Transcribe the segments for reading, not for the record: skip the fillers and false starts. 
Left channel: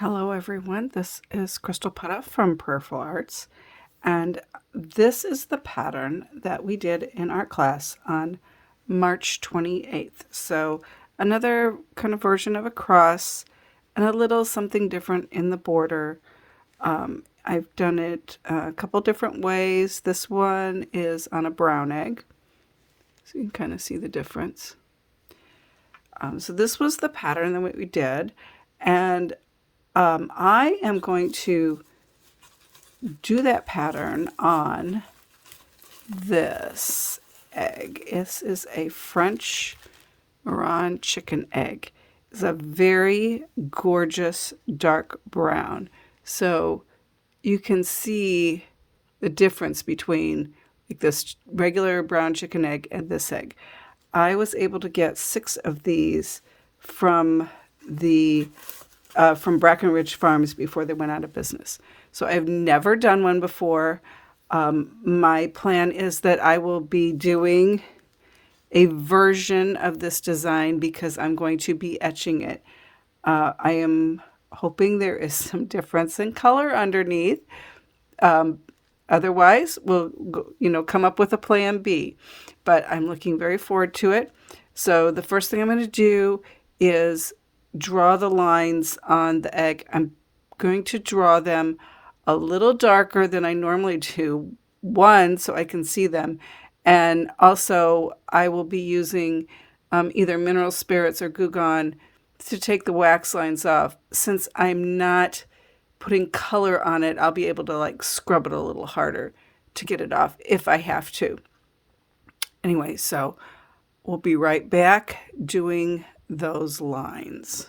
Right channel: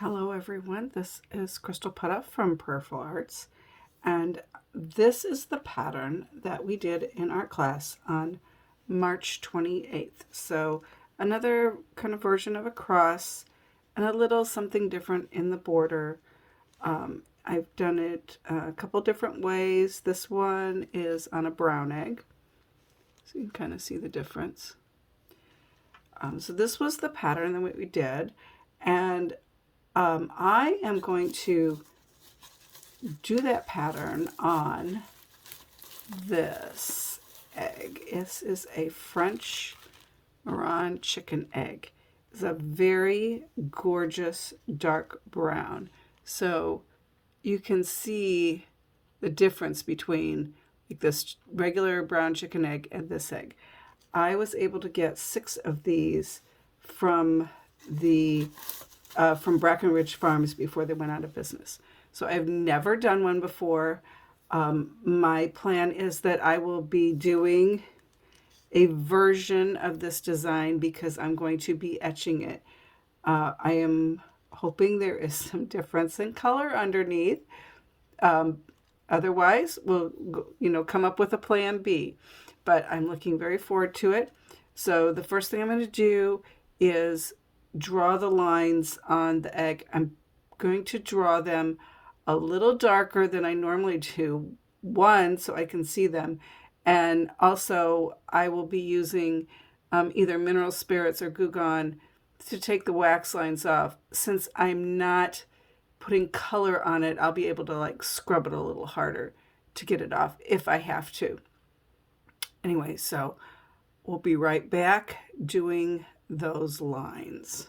Hello everyone, this is Crystal Putta from Prayerful Arts, and this is the pattern that we did in art class on March 28th. So another kind of version of a cross and a little something different in the border. I've done it a couple different ways. This one is on a brown egg, so you can kind of see the difference. So this was the pattern that we did, and I am going to do that pattern on this egg. This is a French Maran chicken egg. It's a very gorgeous dark brown. So you can see the difference between like this regular brown chicken egg and this egg. I was able to get 6 of these from Brackenridge Farms before they went out of business. So I've never done one before. My plan is that I will be doing a version of this design because I'm going to be etching it. I am hoping there is some difference in color underneath. Otherwise, we'll come up with a plan B. But I'm looking very forward to it. So the first thing I'm going to do is draw the lines on the egg. I'm going to draw them a little darker than I normally do. One, so I can see them. And also, I will be using either mineral spirits or Goo Gone to take the wax lines off. Since I'm not putting color on it, I'll be able to like scrub it a little harder to get it off if I have to. Anyway, so we'll be right back doing those lines.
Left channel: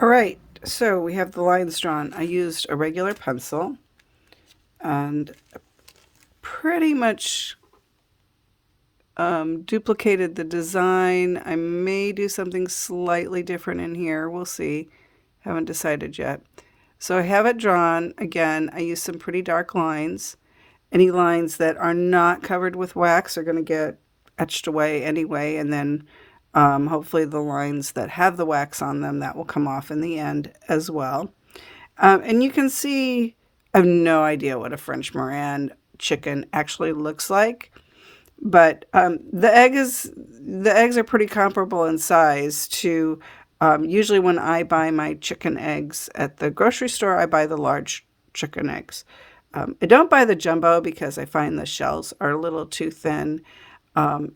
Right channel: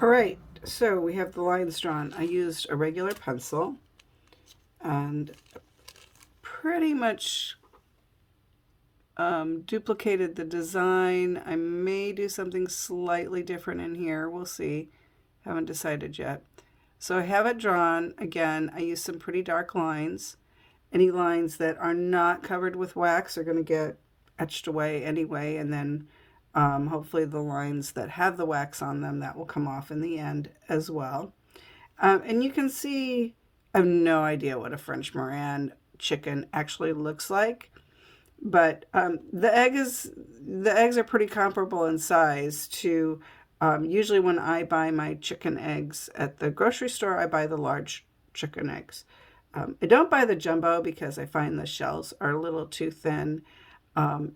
All right, so we have the lines drawn. I used a regular pencil and pretty much duplicated the design. I may do something slightly different in here. We'll see. Haven't decided yet. So I have it drawn. Again, I used some pretty dark lines. Any lines that are not covered with wax are going to get etched away anyway, and then hopefully the lines that have the wax on them, that will come off in the end as well. And you can see, I have no idea what a French Maran chicken actually looks like, but the eggs are pretty comparable in size to usually when I buy my chicken eggs at the grocery store, I buy the large chicken eggs. I don't buy the jumbo because I find the shells are a little too thin, and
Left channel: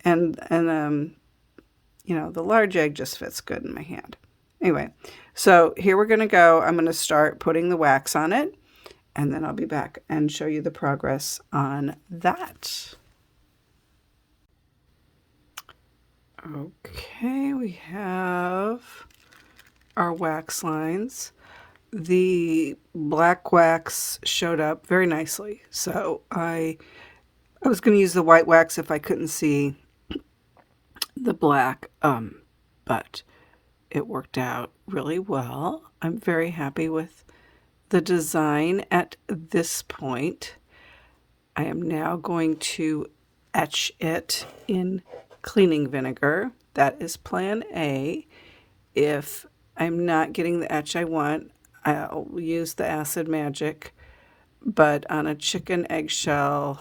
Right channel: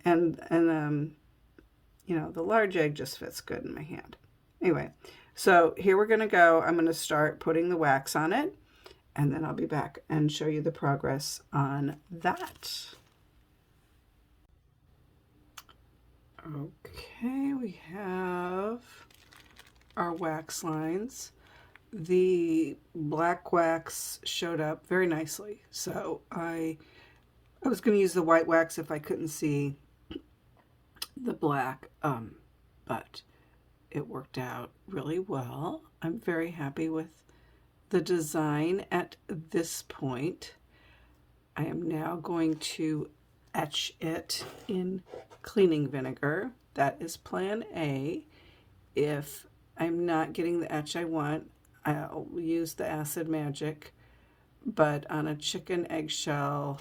the large egg just fits good in my hand. Anyway, so here we're going to go. I'm going to start putting the wax on it, and then I'll be back and show you the progress on that. Okay, we have our wax lines. The black wax showed up very nicely, so I was going to use the white wax if I couldn't see the black, but it worked out really well. I'm very happy with the design at this point. I am now going to etch it in cleaning vinegar. That is plan A. If I'm not getting the etch I want, I'll use the Acid Magic, but on a chicken eggshell,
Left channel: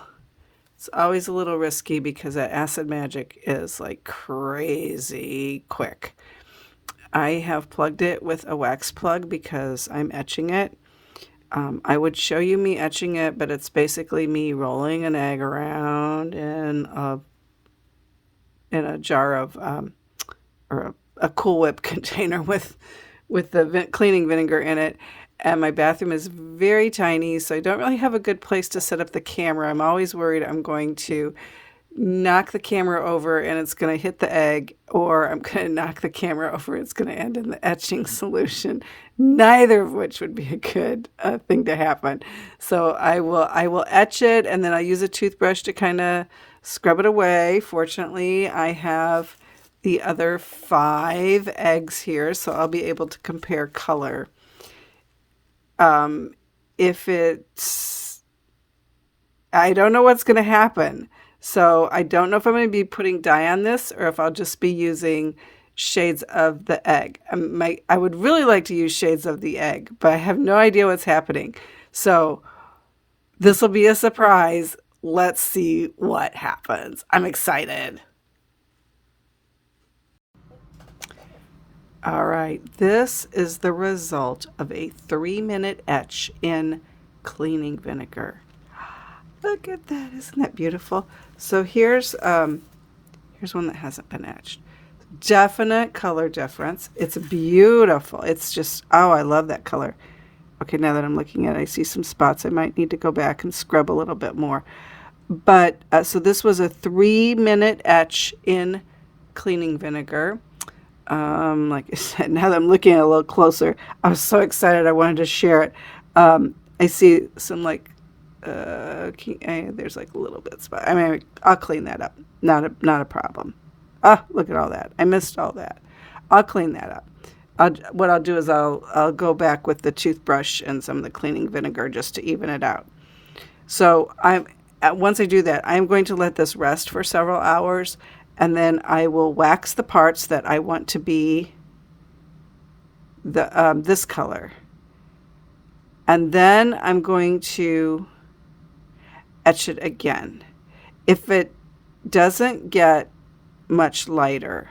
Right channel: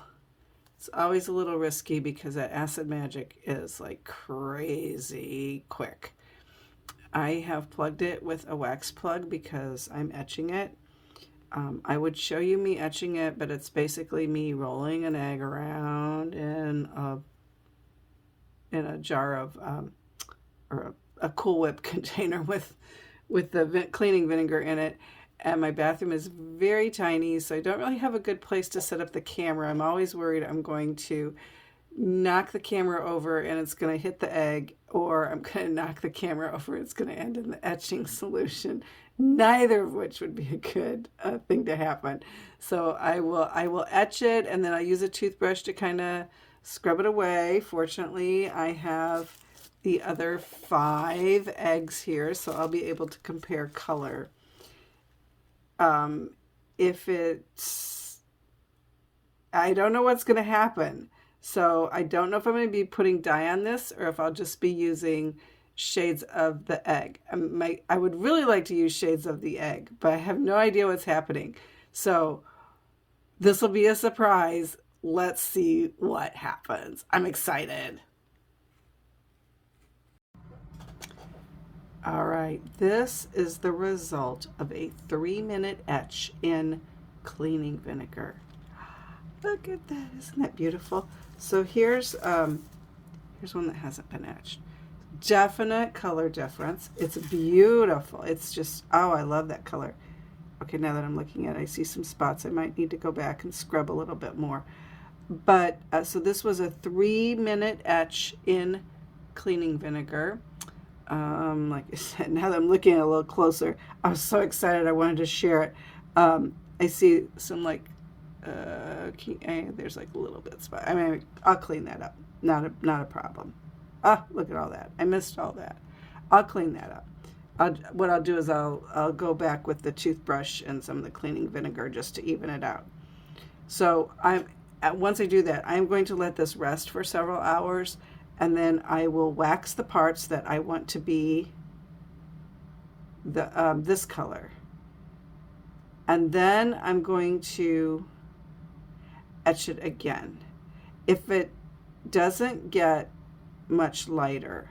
it's always a little risky because that Acid Magic is like crazy quick. I have plugged it with a wax plug because I'm etching it. I would show you me etching it, but it's basically me rolling an egg around in a jar of or a Cool Whip container with the cleaning vinegar in it. And my bathroom is very tiny, so I don't really have a good place to set up the camera. I'm always worried I'm going to knock the camera over and it's going to hit the egg, or I'm going to knock the camera over and it's going to end in the etching solution, neither of which would be a good thing to happen. So I will etch it, and then I'll use a toothbrush to kind of scrub it away. Fortunately, I have the other 5 eggs here, so I'll be able to compare color. If it's, I don't know what's going to happen. So I don't know if I'm going to be putting dye on this or if I'll just be using shades of the egg. I would really like to use shades of the egg, but I have no idea what's happening. So this will be a surprise. Let's see what happens. I'm excited. All right, this is the result of a 3-minute etch in cleaning vinegar. Look at that, isn't that beautiful? So here's one that hasn't been etched. Definite color difference. It's beautiful. It's just, oh, I love that color. Okay, now that I'm looking at it, I see some spots. I might need to go back and scrub a little bit more. But so this was a 3-minute etch in cleaning vinegar. Like I said, now that I'm looking at it a little closer, I was so excited I wanted to share it. I see some like, there's like a little bit spot. I mean, I'll clean that up. Not a problem. Ah, look at all that. I missed all that. I'll clean that up. What I'll do is I'll go back with the toothbrush and some of the cleaning vinegar just to even it out. So once I do that, I'm going to let this rest for several hours, and then I will wax the parts that I want to be this color. And then I'm going to etch it again. If it doesn't get much lighter,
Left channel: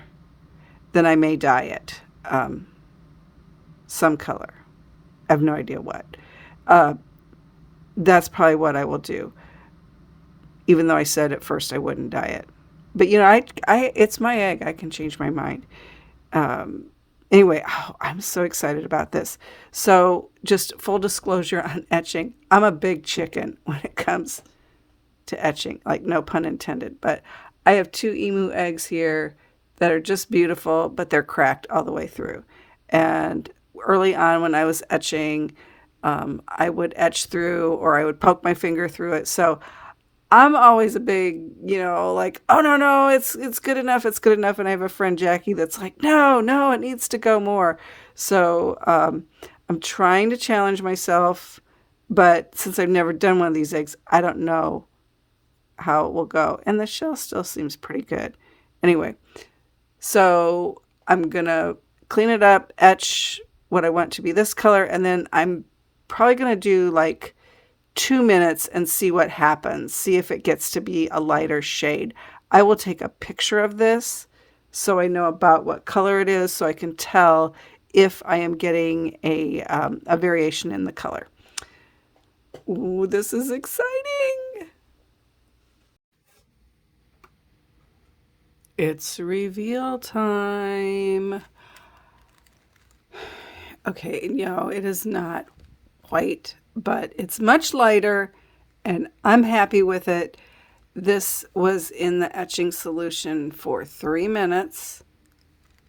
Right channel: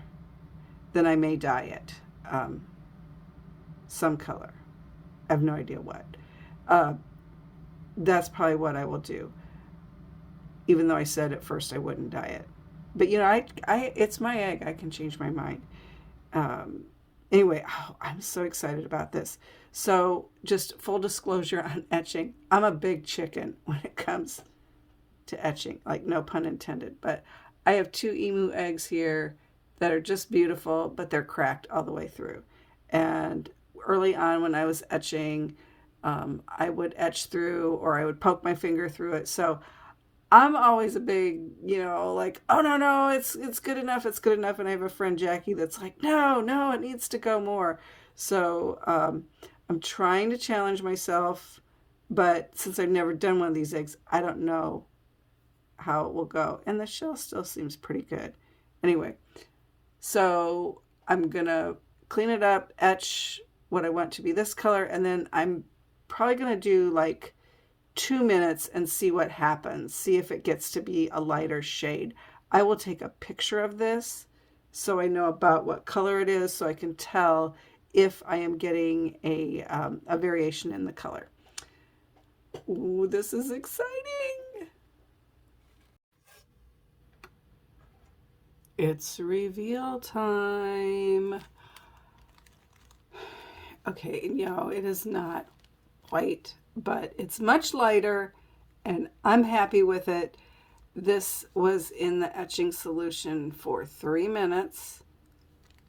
then I may dye it some color. I have no idea what. That's probably what I will do, even though I said at first I wouldn't dye it. But you know, it's my egg. I can change my mind. Anyway, I'm so excited about this. So just full disclosure on etching, I'm a big chicken when it comes to etching, like no pun intended. But I have 2 emu eggs here that are just beautiful, but they're cracked all the way through. And early on when I was etching, I would etch through, or I would poke my finger through it. So I'm always a big, like, oh, no, it's good enough. It's good enough. And I have a friend, Jackie, that's like, no, it needs to go more. So I'm trying to challenge myself. But since I've never done one of these eggs, I don't know how it will go. And the shell still seems pretty good. Anyway, so I'm going to clean it up, etch what I want to be this color. And then I'm probably going to do like 2 minutes and see what happens. See if it gets to be a lighter shade. I will take a picture of this so I know about what color it is, so I can tell if I am getting a variation in the color. Ooh, this is exciting. It's reveal time. Okay, it is not white, but it's much lighter, and I'm happy with it. This was in the etching solution for 3 minutes,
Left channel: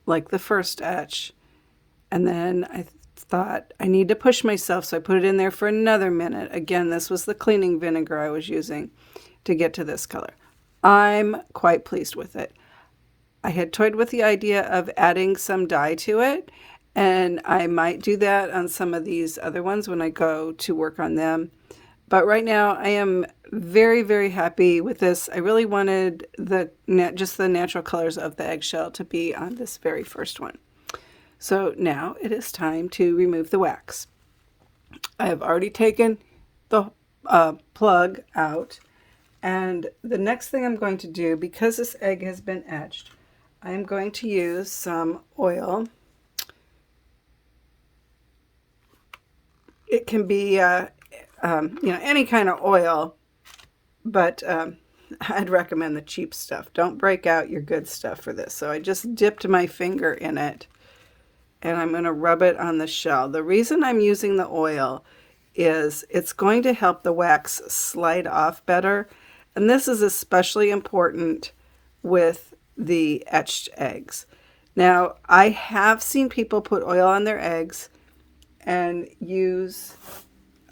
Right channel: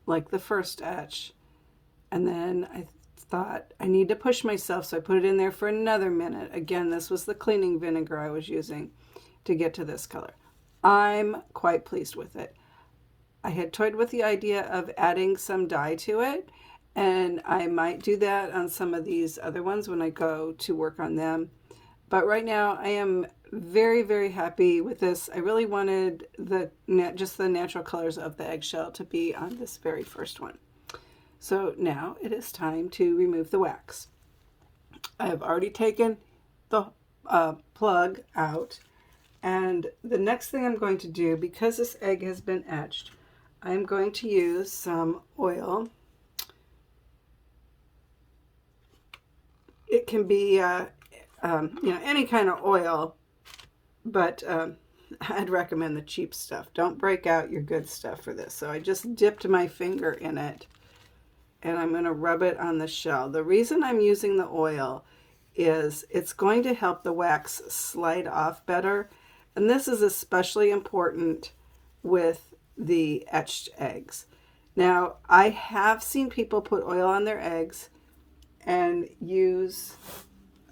like the first etch. And then I thought I need to push myself, so I put it in there for another minute. Again, this was the cleaning vinegar I was using to get to this color. I'm quite pleased with it. I had toyed with the idea of adding some dye to it, and I might do that on some of these other ones when I go to work on them. But right now I am very, very happy with this. I really wanted just the natural colors of the eggshell to be on this very first one. So now it is time to remove the wax. I have already taken the plug out, and the next thing I'm going to do, because this egg has been etched, I am going to use some oil. It can be any kind of oil, but I'd recommend the cheap stuff. Don't break out your good stuff for this. So I just dipped my finger in it, and I'm going to rub it on the shell. The reason I'm using the oil is it's going to help the wax slide off better, and this is especially important with the etched eggs. Now, I have seen people put oil on their eggs and use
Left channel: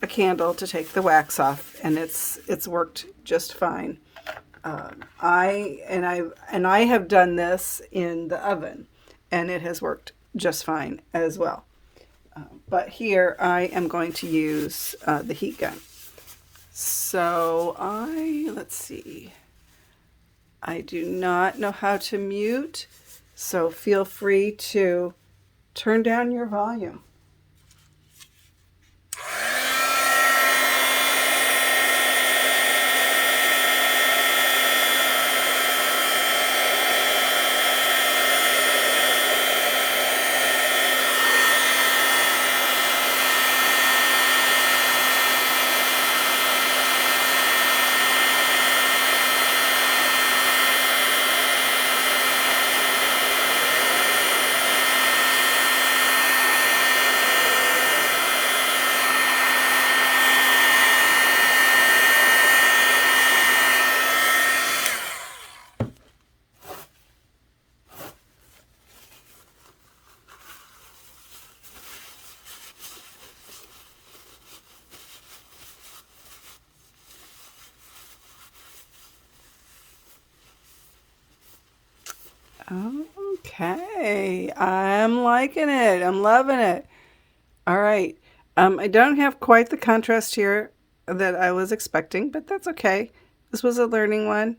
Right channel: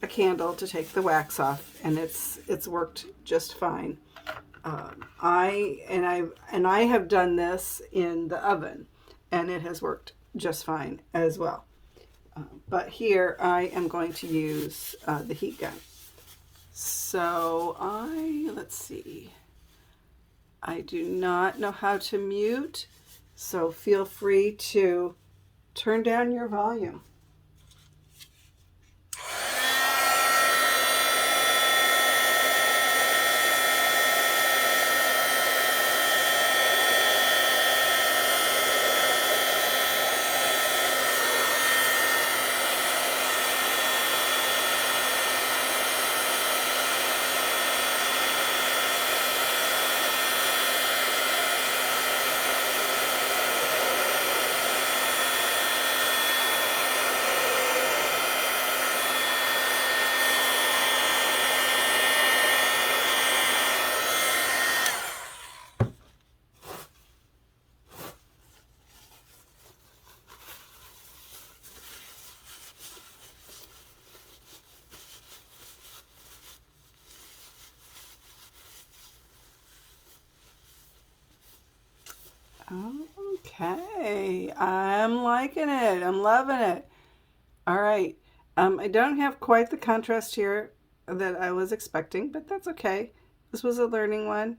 a candle to take the wax off, and it's worked just fine. I have done this in the oven, and it has worked just fine as well. But here I am going to use the heat gun. So let's see. I do not know how to mute So feel free to turn down your volume. Okay, I'm liking it. I'm loving it. All right. I don't have quite the contrast here that I was expecting, but that's okay. This was a learning one.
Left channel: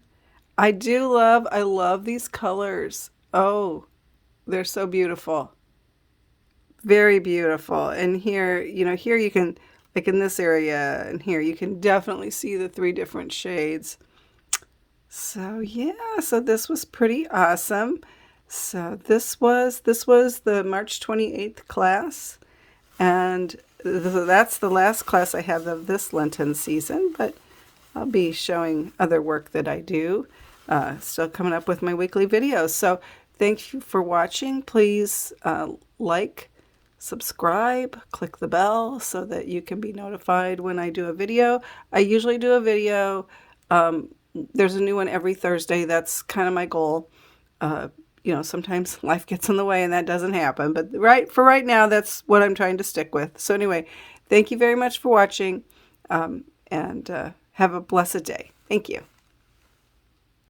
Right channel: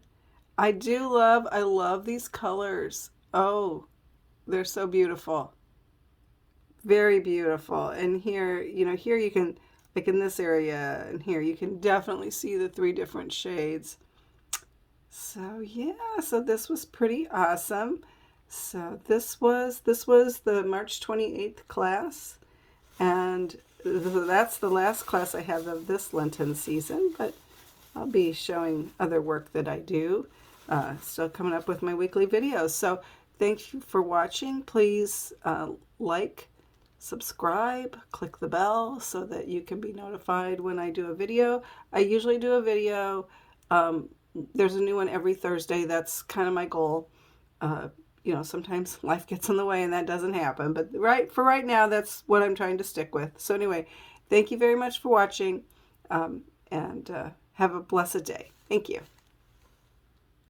I love these colors. Oh, they're so beautiful. Very beautiful. And here, here you can, like in this area and here, you can definitely see the three different shades. So yeah, so this was pretty awesome. So this was the March 28th class, and that's the last class I have of this Lenten season, but I'll be showing other work that I do. Still coming up with my weekly videos. So thank you for watching. Please like, subscribe, click the bell so that you can be notified when I do a video. I usually do a video. There's a new one every Thursday. That's kind of my goal. Sometimes life gets in the way and that doesn't happen. But for right now, that's what I'm trying to stick with. So anyway, thank you very much for watching, and have a blessed day. Thank you.